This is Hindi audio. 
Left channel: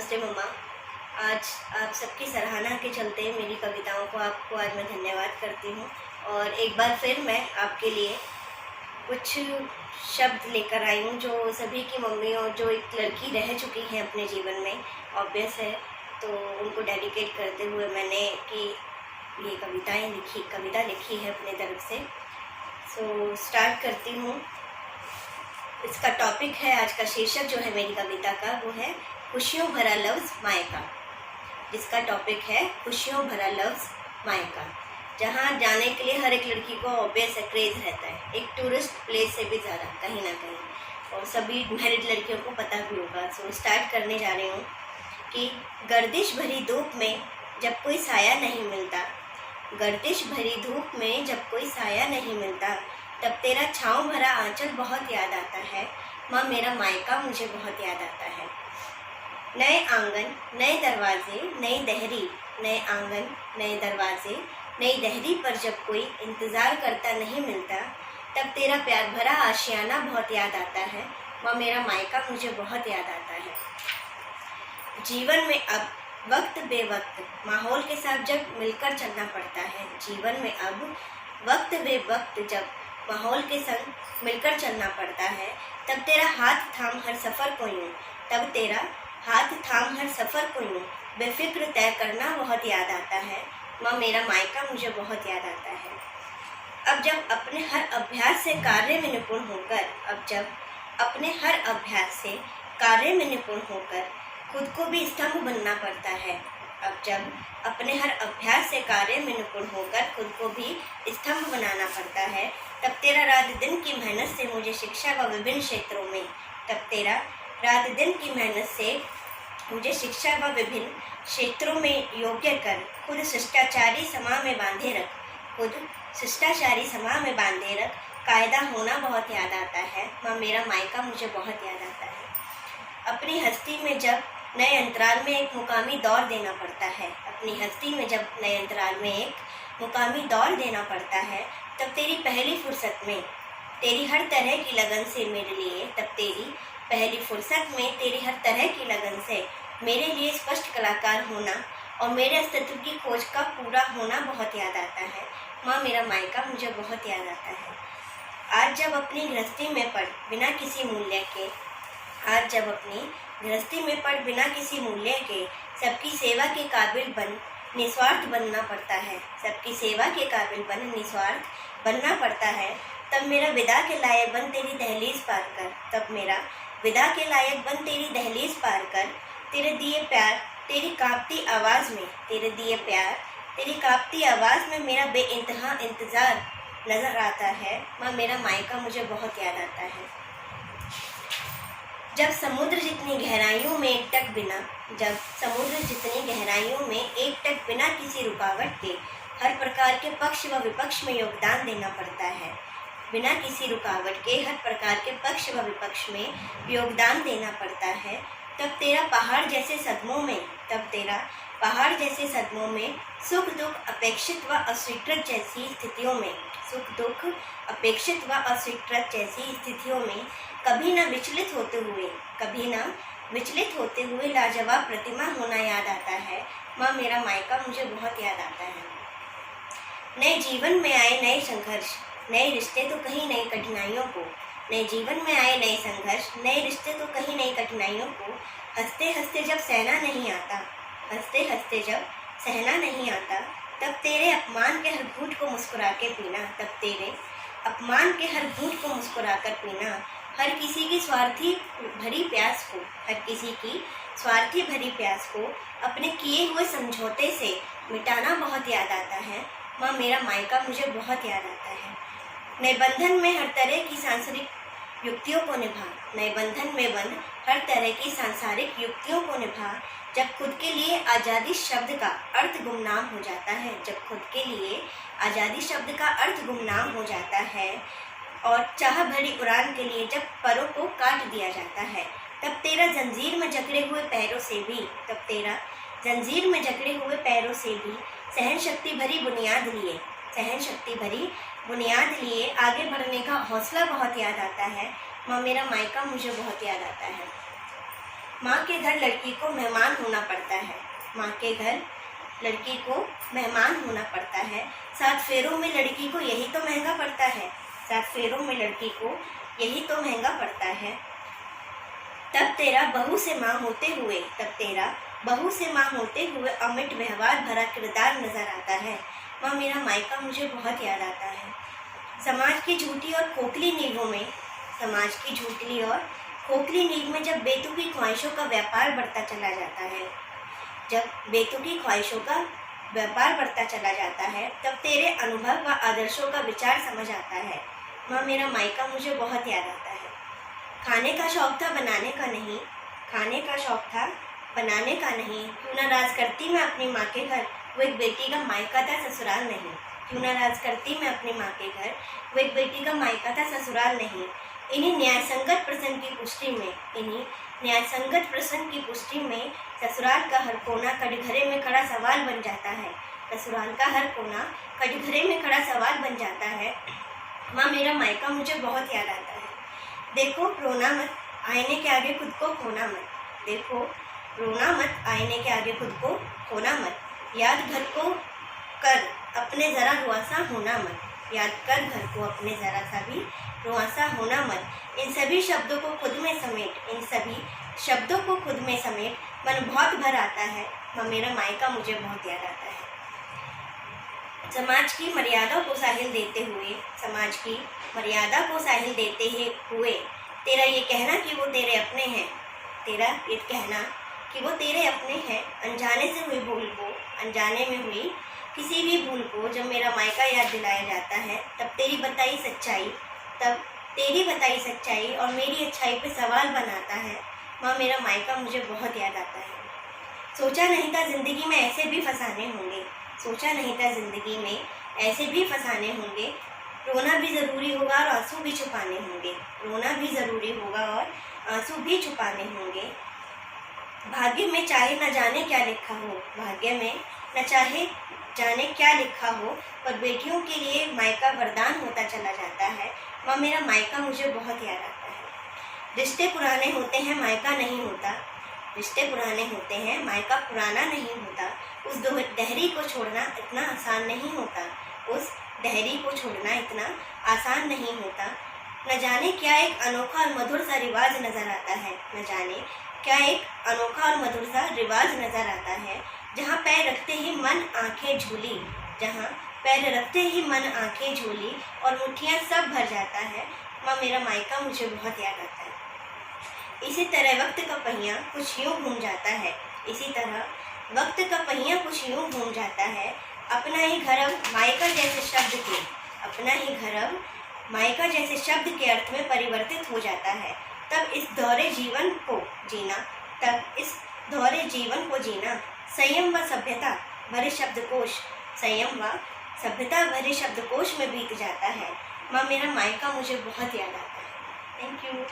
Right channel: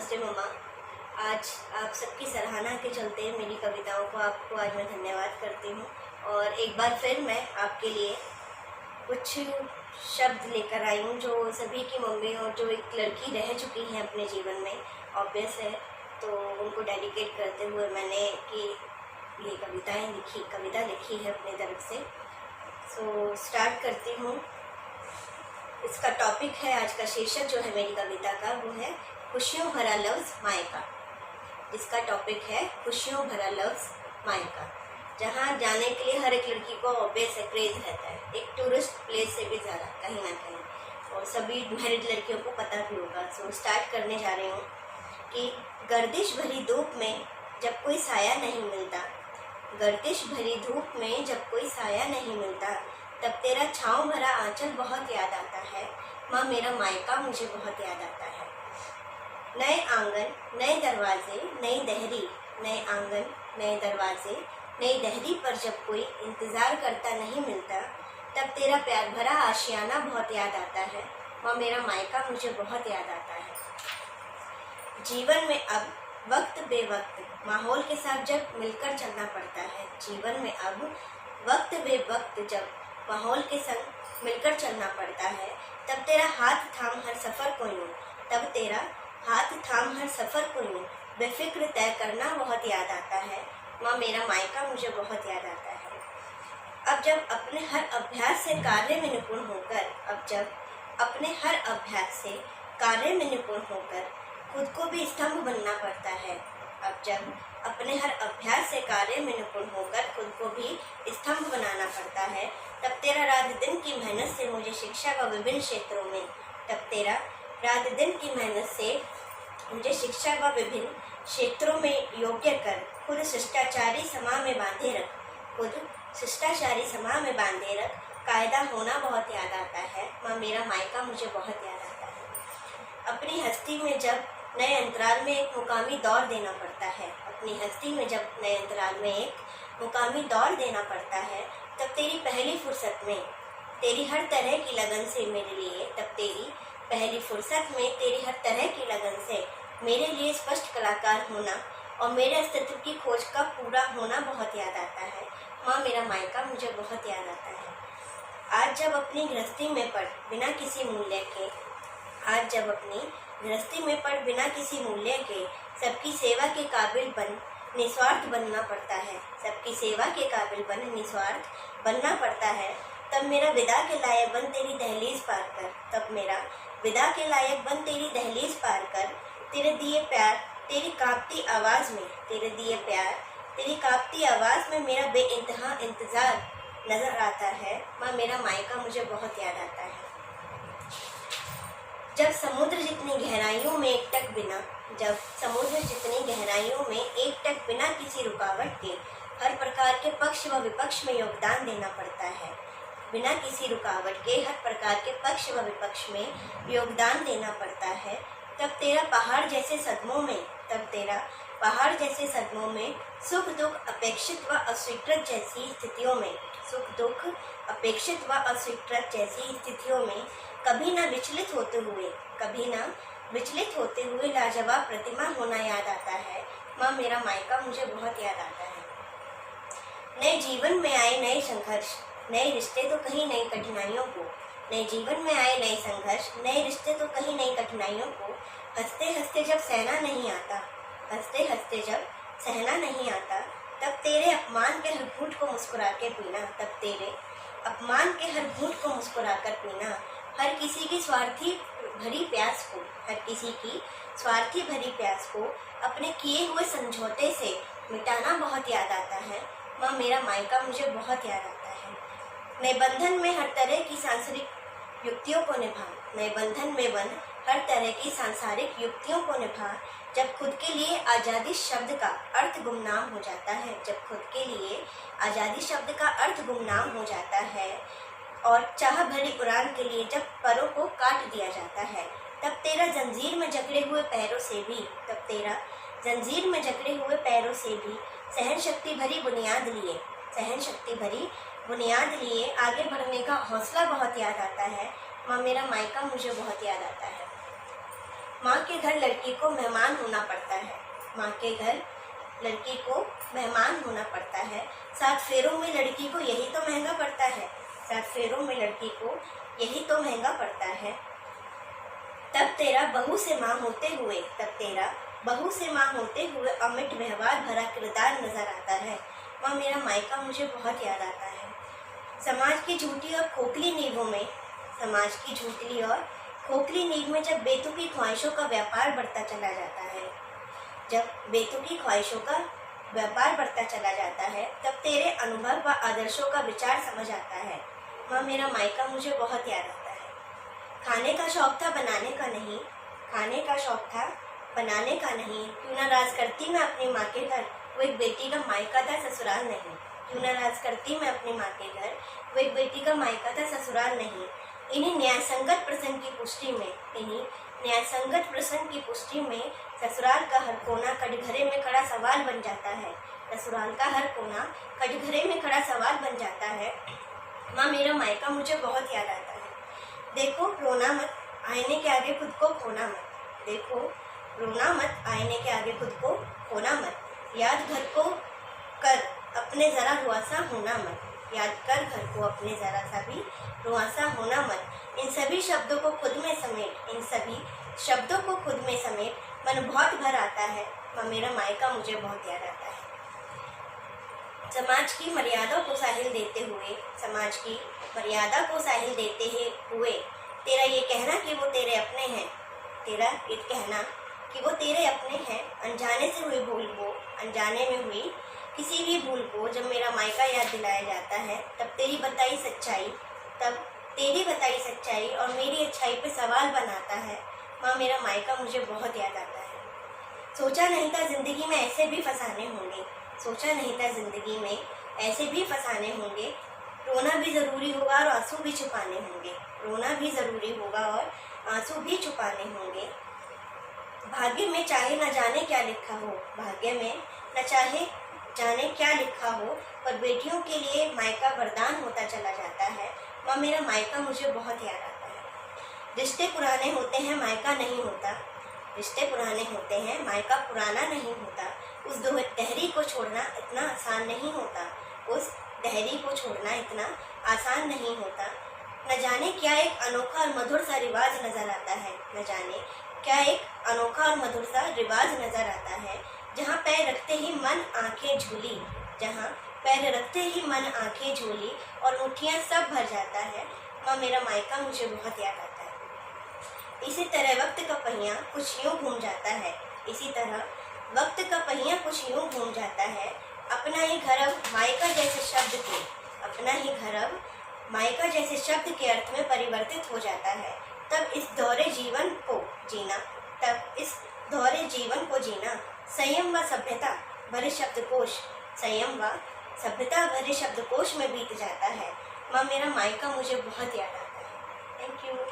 नमस्ते मम्मा। आज आप सबकी सराहना के चलते मेरी कविताओं को आपको आज मैं धन्यवाद करती हूँ। और एक बार फिर मैं आपके लिए कुछ शब्द लेकर आई हूँ जो सभी की मम्मी और जो एक लड़की रह चुकी है अपने जीवन में, ऑब्वियस है, तो उनको डेडिकेट करते हुए मैंने कि ये कविता लिखी है अपने तरफ से। सो स्टार्ट करती हूँ। इसका टॉपिक है, आज का शीर्षक जो है मेरी कविता का वो है खुशियों भरा लफ्ज़ मायका। इसका टॉपिक है खुशियों भरा लफ्ज़ मायका। जहाँ जाने के लिए हर एक लड़की को ऑब्वियस क्रेज़ रहता है, एक टूरिस्ट प्लेस से भी ज़्यादा कहीं ना कहीं, और सभी मैरिड लड़कियों को पता भी होगा। सो स्टार्ट करने जा रही हूँ कि गर्दिश भरी धूप में जब कोई साया नहीं मिलता, गर्दिश भरी धूप में जब कोई साया नहीं मिलता, तब तेरा छाँव भरा आंचल बहुत याद आता है। माँ मेरा मायका मुझे बहुत याद आता है। नए आंगन नए दरवाजे नई दहरी, नए आंगन नए दरवाजे नई दहरी पर जब कोई इंतज़ार करता नहीं मिलता, तब तेरा प्यार भरा आशियाना बहुत याद आता है। माँ मेरा मायका मुझे बहुत याद आता है। जीवन में अब वक्त बेवक्त माहौल के साथ जब मिलकर चलना पड़ता है, जीवन में अब वक्त बेवक्त जब माहौल के संग मिलकर चलना पड़ता है, तब तेरा हाथ थाम हर सफ़र को यूँ, तब तेरा हाथ थाम हर सफ़र को यूँ बेफिक्र तय करना बहुत याद आता है। माँ मेरा मायका मुझे बहुत याद आता है। अब जब अपने हर अभ्यास से कार्य में निपुण होकर, अब जब अपने हर अभ्यास से कार्य में निपुण होकर खुद को भी स्तंभ बनना पड़ता है, अब जब अपने हर अभ्यास से कार्य में निपुण होकर खुद को भी स्तंभ बनाना पड़ता है, तब तेरा रात दिन की मेहनत से मुझे शिक्षा व विभिन्न क्षेत्रों में, तब तेरा रात दिन की मेहनत से मुझे शिक्षा व विभिन्न क्षेत्रों में योग्य कर खुद शिष्टाचारी समा में बांधे रख, खुद शिष्टाचारी समा में बांधे रख, कायदा होना बहुत याद आता है। माँ मेरा मायका मुझे बहुत याद आता है। अपनी हस्ती में जब नए अंतराल में एक मुकामी दौर देना पड़ता है, अपनी हस्ती में जब नए अंतराल में एक मुकामी दौर देना पड़ता है, तब तेरी पहली फुर्सत में तेरी हर तरह की लगन से मेरे लिए, तब तेरी पहली फुर्सत में तेरी हर तरह की लगन से मेरे लिए स्पष्ट कलाकार होना और मेरे अस्तित्व की खोज का पूरा होना बहुत याद आता है। माँ मेरा मायका मुझे बहुत याद आता है। आज जब अपनी गृहस्थी में पड़ बिना किसी मूल्य के, आज जब अपनी गृहस्थी में पड़ बिना किसी मूल्य के सबकी सेवा के काबिल बन निस्वार्थ बनना पड़ता है, सबकी सेवा के काबिल बन निस्वार्थ बनना पड़ता है, तब मेरा विदा के लायक बन तेरी दहलीज पार कर, तब मेरा विदा के लायक बन तेरी दहलीज पार कर, तेरे दिए प्यार तेरी कांपती आवाज़ में, तेरे दिए प्यार तेरी कांपती आवाज़ में मेरा बेइंतहा इंतज़ार नज़र आता है। माँ मेरा मायका मुझे बहुत याद आता है। जब समुद्र जितनी गहराइयों में एक टक बिना, जब समुद्र जितनी गहराइयों में एक टक बिना किसी रुकावट के हर प्रकार के पक्ष व विपक्ष में योगदान देना पड़ता है, बिना किसी रुकावट के हर प्रकार के पक्ष व विपक्ष में योगदान देना पड़ता है, तब तेरा पहाड़ जैसे सदमों में, तब तेरा पहाड़ जैसे सदमों में सुख दुख अपेक्षित व अस्वीकृत जैसी स्थितियों में, सुख दुख अपेक्षित व अस्वीकृत जैसी स्थितियों में कभी ना विचलित होते हुए, कभी ना विचलित होते हुए लाजवाब प्रतिमा होना याद आता है। माँ मेरा मायका मुझे बहुत याद आता है। नए जीवन में आए नए संघर्ष, नए रिश्ते तो कहीं नई कठिनाइयों को, नए जीवन में आए नए संघर्ष, नए रिश्ते तो कहीं नई कठिनाइयों को हंसते हंसते जब सहना नहीं आता, हंसते हंसते जब सहना नहीं आता, तब तेरे अपमान के हर घूंट को मुस्कुरा के पीना, तब तेरे अपमान के हर घूंट को मुस्कुरा कर पीना, हर किसी की स्वार्थी भरी प्यास को, हर किसी की स्वार्थी भरी प्यास को अपने किए हुए समझौते से मिटाना बहुत याद आता है। माँ मेरा मायका मुझे बहुत याद आता है। नए बंधन में हर तरह की सांसारिक युक्तियों को निभा, नए बंधन में बंध हर तरह की सांसारिक युक्तियों को निभा, जब खुद के लिए आज़ादी शब्द का अर्थ गुमनाम हो जाता है, जब खुद के लिए आज़ादी शब्द का अर्थ गुमनाम हो जाता है और चाह भरी उड़ान के लिए जब परों को काट दिया जाता है, तब तेरा जंजीर में जकड़े हुए पैरों से भी, तब तेरा जंजीर में जकड़े हुए पैरों से भी सहन शक्ति भरी बुनियाद लिए, सहन शक्ति भरी बुनियाद लिए आगे बढ़ने का हौसला बहुत याद आता है। माँ मेरा मायका मुझे बहुत याद आता है। माँ के घर लड़की को मेहमान होना पड़ता है। माँ के घर लड़की को मेहमान होना पड़ता है। 7 फेरों में लड़की को यही तो महंगा पड़ता है। 7 फेरों में लड़की को यही तो महंगा पड़ता है। तब तेरा बहू से माँ होते हुए, तब तेरा बहू से माँ होते हुए अमिट व्यवहार भरा किरदार नजर आता है। माँ मेरा मायका मुझे बहुत याद आता है। समाज की झूठी और खोखली नींवों में, समाज की झूठी और खोखली नींव में जब बेतुकी ख्वाहिशों का व्यापार बढ़ता चला जाता है, जब बेतुकी ख्वाहिशों का व्यापार बढ़ता चला जाता है, तब तेरे अनुभव व आदर्शों का विचार समझ आता है। माँ मेरा मायका मुझे बहुत याद आता है। खाने का शौक था बनाने का नहीं, खाने का शौक था बनाने का नहीं। क्यों नाराज करती मैं अपनी माँ के घर, वो एक बेटी का मायका था ससुराल नहीं। क्यों नाराज करती मैं अपनी माँ के घर, वो एक बेटी का मायका था ससुराल नहीं। इन्हीं न्यायसंगत प्रश्न की पुष्टि में, इन्हीं न्यायसंगत प्रश्न की पुष्टि में ससुराल का हर कोना कटघरे में खड़ा सवाल बन जाता है। ससुराल का हर कोना कटघरे में खड़ा सवाल बन जाता है। माँ मेरा मायका मुझे बहुत याद आता है। देखो रोना मत, आईने के आगे खुद को खोना मत। देखो रोना मत, आईने के आगे खुद को खोना मत। याद घर को कर अपने ज़रा रुआसा होना मत। याद कर घर को अपने ज़रा सा भी रुआसा होना मत। इन सभी शब्दों को खुद में समेट, इन सभी शब्दों को खुद में समेट, मन बहुत भर आता है। माँ मेरा मायका मुझे बहुत याद आता है। समाज की मर्यादा को साहिल देते हुए, समाज की मर्यादा को साहिल देते हुए तेरा ये कहना कि वो तेरे अपने हैं, तेरा ये कहना कि वो तेरे अपने हैं, अनजाने से हुई भूल को, अनजाने में हुई किसी भी भूल को जब मेरा मायका याद दिलाया जाता है, तब तेरी बताई सच्चाई, तब तेरी बताई सच्चाई और मेरी अच्छाई पे सवाल बनाता है। माँ मेरा मायका मुझे बहुत याद आता है। सोचा नहीं था ज़िंदगी में ऐसे भी फसाने होंगे, सोचा नहीं था ज़िंदगी में ऐसे भी फसाने होंगे। रोना भी ज़रूरी होगा और आंसू भी छुपाने होंगे, रोना भी ज़रूरी होगा और आंसू भी छुपाने होंगे। भाग्य में चाहे न जाने क्या लिखा हो, भाग्य में न चाहे जाने क्या लिखा हो, पर बेटियों के लिए मायका वरदान होता चला जाता है। माँ मेरा मायका मुझे बहुत याद आता है। रिश्ते पुराने होते हैं, मायका नहीं होता। रिश्ते पुराने होते हैं, मायका पुराना नहीं होता। उस दहरी को छोड़ना इतना आसान नहीं होता, उस दहरी को छोड़ना इतना आसान नहीं होता। न जाने क्या एक अनोखा और मधुर सा रिवाज नज़र आता है, न जाने क्या एक अनोखा और मधुर सा रिवाज नज़र आता है। जहाँ पैर रखते ही मन आंखें झूली, जहाँ पैर रखते ही मन आंखें झूली और मुट्ठियाँ सब भर जाता है। माँ मेरा मायका मुझे बहुत याद आता है। इसी तरह वक्त का पहिया कुछ यूँ घूम जाता है, इसी तरह वक्त का पहिया कुछ यूँ घूम जाता है। अपना ही घर अब मायका जैसे शब्द के, अपना ही घर अब मायका जैसे शब्द के अर्थ में परिवर्तित हो जाता है। तब इस दौरे जीवन को जीना, तब इस दौरे जीवन को जीना संयम व सभ्यता भरे शब्दकोश, संयम व सभ्यता भरे शब्दकोश में बीत जाता है। माँ मेरा मायका मुझे बहुत याद आता है। Thank you.